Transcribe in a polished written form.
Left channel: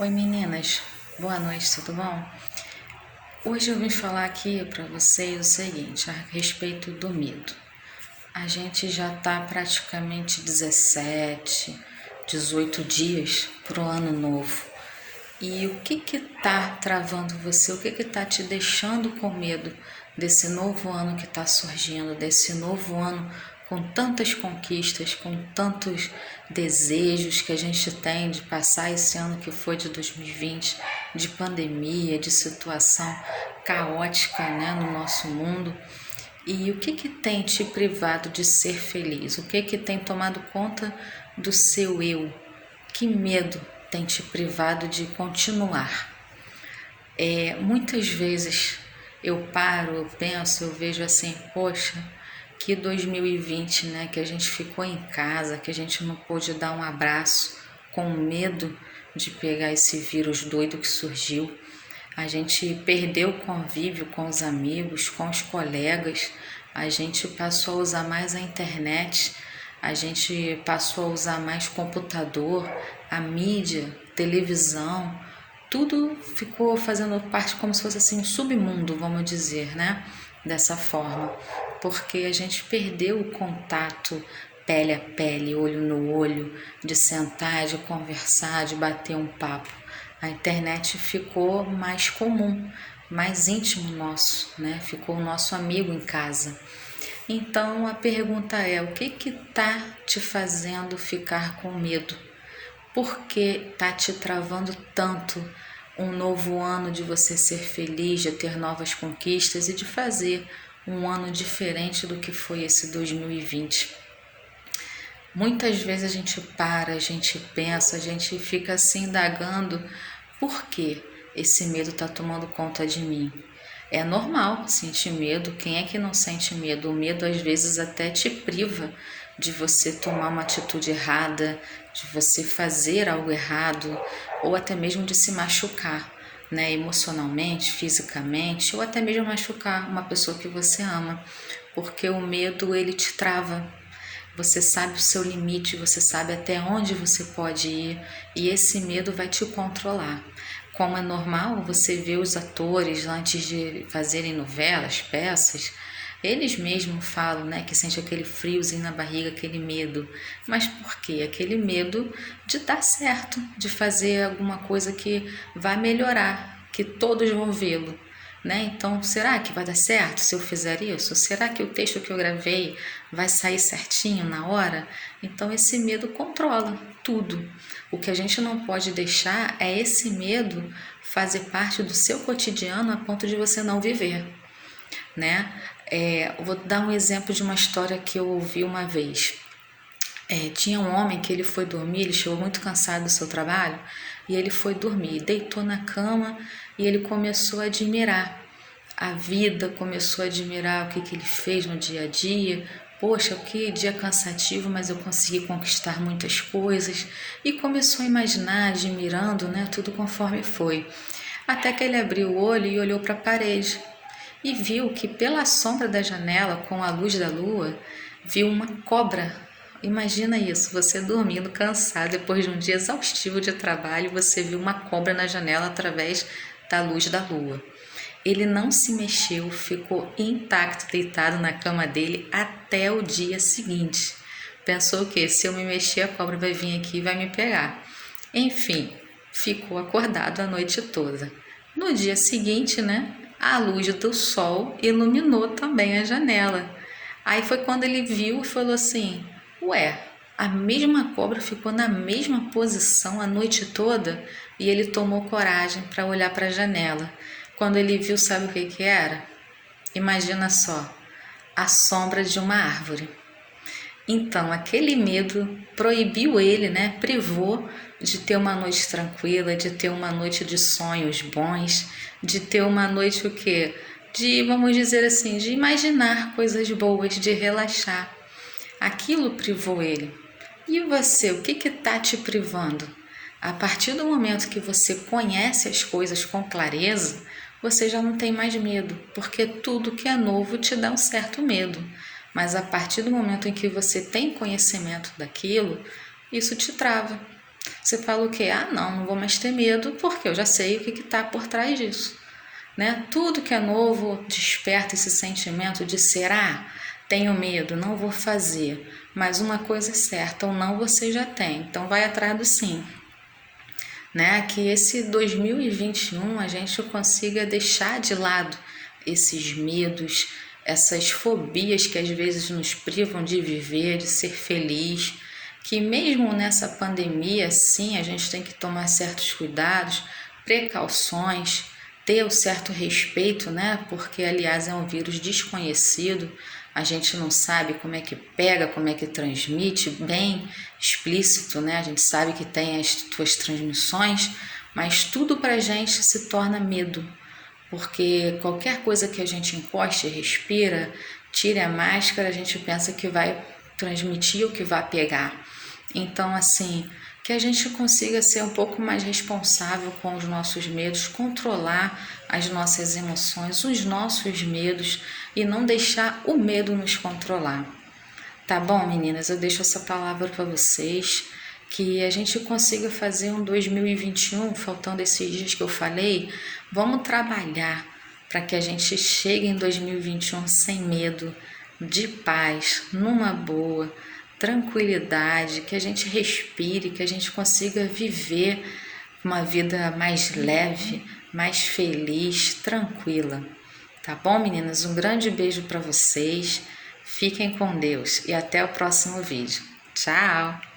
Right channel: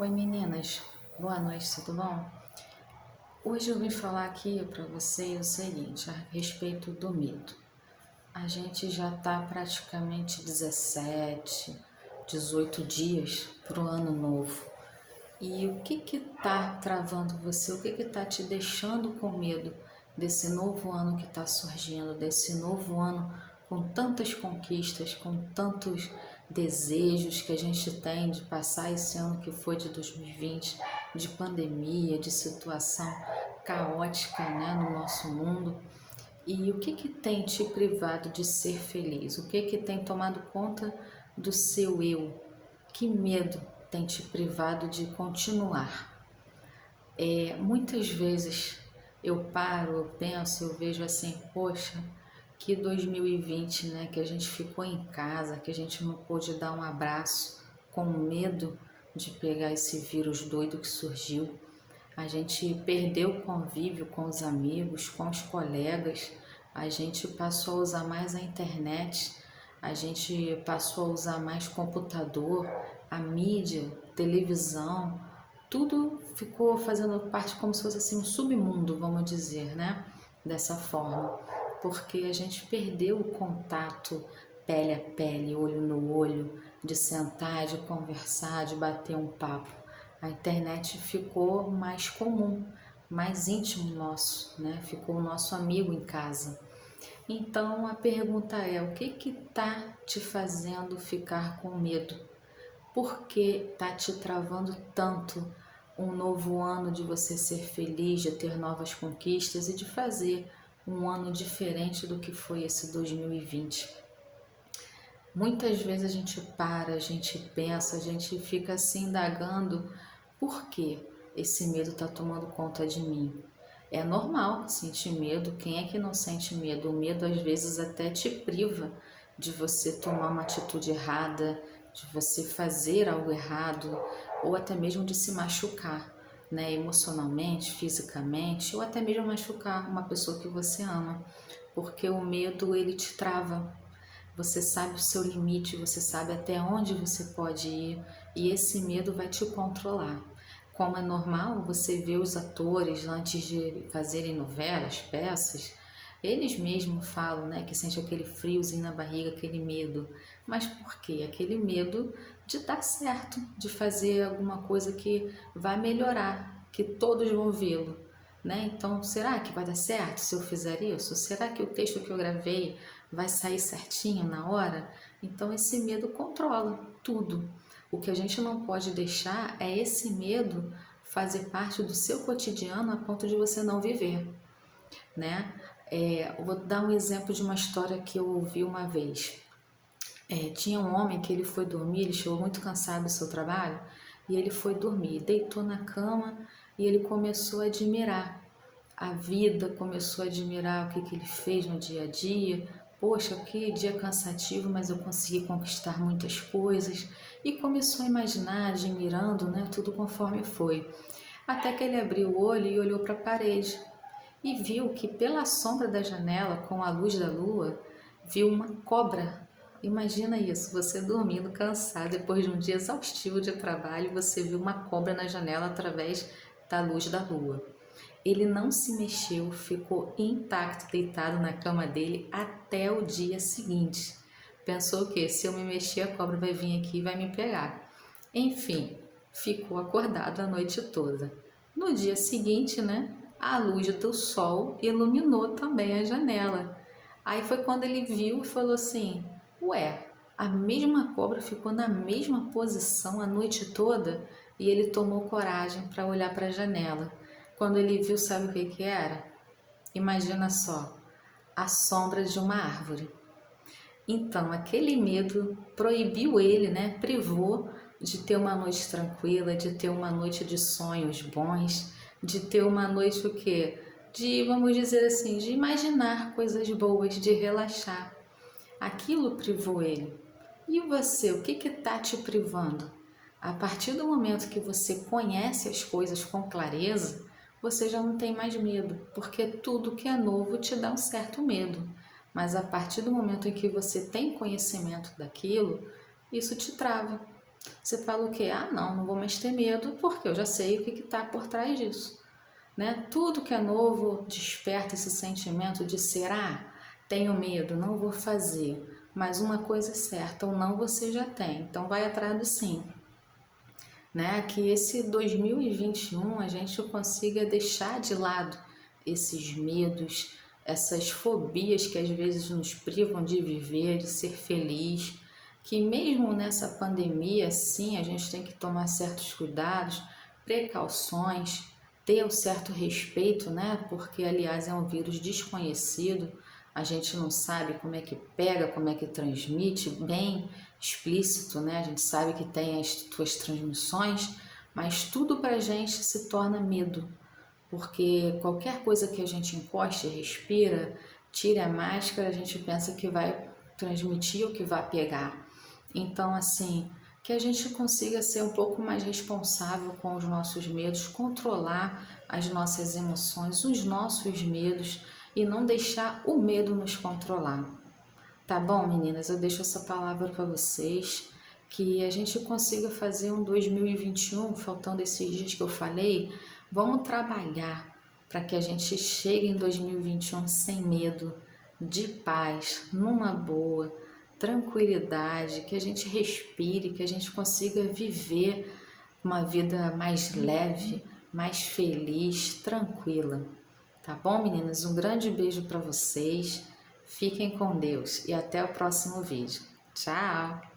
Oi meninas, boa noite, tudo bom? Hoje eu vim falar aqui para vocês o seguinte, a respeito do medo. A gente já tá praticamente 17, 18 dias pro ano novo. E o que tá travando você? O que tá te deixando com medo desse novo ano que tá surgindo, desse novo ano com tantas conquistas, com tantos desejos que a gente tem de passar esse ano que foi de 2020, de pandemia, de situação caótica, né, no nosso mundo? E o que tem te privado de ser feliz? O que tem tomado conta do seu eu? Que medo tem te privado de continuar? Muitas vezes eu paro, eu penso, eu vejo assim, poxa, que 2020, né, que a gente ficou em casa, que a gente não pôde dar um abraço com medo de pegar esse vírus doido que surgiu. A gente perdeu o convívio com os amigos, com os colegas, a gente passou a usar mais a internet, a gente passou a usar mais computador, a mídia, televisão, tudo ficou fazendo parte como se fosse assim um submundo, vamos dizer, né? Dessa forma, porque a gente perdeu o contato pele a pele, olho no olho, de sentar, de conversar, de bater um papo. A internet ficou mais comum, mais íntimo nosso, né? Ficou o nosso amigo em casa. Então a pergunta é: o que tá te fazendo ficar com medo? Por que tá te travando tanto um novo ano de você ser feliz, de ter novas conquistas e de fazer um ano diferente do que foi esse 2020? Muitas vezes a gente para, a gente pensa, a gente fica se indagando por que esse medo está tomando conta de mim. É normal sentir medo, quem é que não sente medo? O medo às vezes até te priva de você tomar uma atitude errada, de você fazer algo errado, ou até mesmo de se machucar, né? Emocionalmente, fisicamente, ou até mesmo machucar uma pessoa que você ama, porque o medo ele te trava. Você sabe o seu limite, você sabe até onde você pode ir e esse medo vai te controlar. Como é normal, você vê os atores antes de fazerem novelas, peças, eles mesmos falam, né, que sente aquele friozinho na barriga, aquele medo. Mas por quê? Aquele medo de dar certo, de fazer alguma coisa que vai melhorar, que todos vão vê-lo. Né? Então, será que vai dar certo se eu fizer isso? Será que o texto que eu gravei vai sair certinho na hora? Então, esse medo controla tudo. O que a gente não pode deixar é esse medo fazer parte do seu cotidiano a ponto de você não viver, né? Eu vou dar um exemplo de uma história que eu ouvi uma vez. Tinha um homem que ele foi dormir, ele chegou muito cansado do seu trabalho e ele foi dormir, deitou na cama e ele começou a admirar a vida, começou a admirar o que ele fez no dia a dia. Poxa, que dia cansativo, mas eu consegui conquistar muitas coisas. E começou a imaginar, admirando, né, tudo conforme foi. Até que ele abriu o olho e olhou para a parede e viu que pela sombra da janela, com a luz da lua, viu uma cobra. Imagina isso, você dormindo cansado depois de um dia exaustivo de trabalho, você viu uma cobra na janela através da luz da lua. Ele não se mexeu, ficou intacto, deitado na cama dele até o dia seguinte. Pensou que se eu me mexer, a cobra vai vir aqui e vai me pegar. Enfim, ficou acordado a noite toda. No dia seguinte, né, a luz do sol iluminou também a janela. Aí foi quando ele viu e falou assim: ué, a mesma cobra ficou na mesma posição a noite toda? E ele tomou coragem para olhar para a janela. Quando ele viu, sabe o que era? Imagina só, a sombra de uma árvore. Então, aquele medo proibiu ele, né? Privou de ter uma noite tranquila, de ter uma noite de sonhos bons, de ter uma noite o quê? De, vamos dizer assim, de imaginar coisas boas, de relaxar. Aquilo privou ele. E você, o que está te privando? A partir do momento que você conhece as coisas com clareza, você já não tem mais medo, porque tudo que é novo te dá um certo medo. Mas a partir do momento em que você tem conhecimento daquilo, isso te trava. Você fala o quê? Ah, não vou mais ter medo porque eu já sei o que está por trás disso. Né? Tudo que é novo desperta esse sentimento de será? Tenho medo, não vou fazer. Mas uma coisa é certa, ou não você já tem. Então vai atrás do sim. Né? Que esse 2021 a gente consiga deixar de lado esses medos, essas fobias que às vezes nos privam de viver, de ser feliz, que mesmo nessa pandemia, sim, a gente tem que tomar certos cuidados, precauções, ter o certo respeito, né? Porque, aliás, é um vírus desconhecido, a gente não sabe como é que pega, como é que transmite, bem explícito, né? A gente sabe que tem as suas transmissões, mas tudo pra gente se torna medo, porque qualquer coisa que a gente encoste e respira, tire a máscara, a gente pensa que vai transmitir ou que vai pegar. Então, assim, que a gente consiga ser um pouco mais responsável com os nossos medos, controlar as nossas emoções, os nossos medos e não deixar o medo nos controlar. Tá bom, meninas? Eu deixo essa palavra para vocês, que a gente consiga fazer um 2021, faltando esses dias que eu falei, vamos trabalhar para que a gente chegue em 2021 sem medo, de paz, numa boa, tranquilidade, que a gente respire, que a gente consiga viver uma vida mais leve, mais feliz, tranquila. Tá bom, meninas? Um grande beijo para vocês. Fiquem com Deus e até o próximo vídeo. Tchau!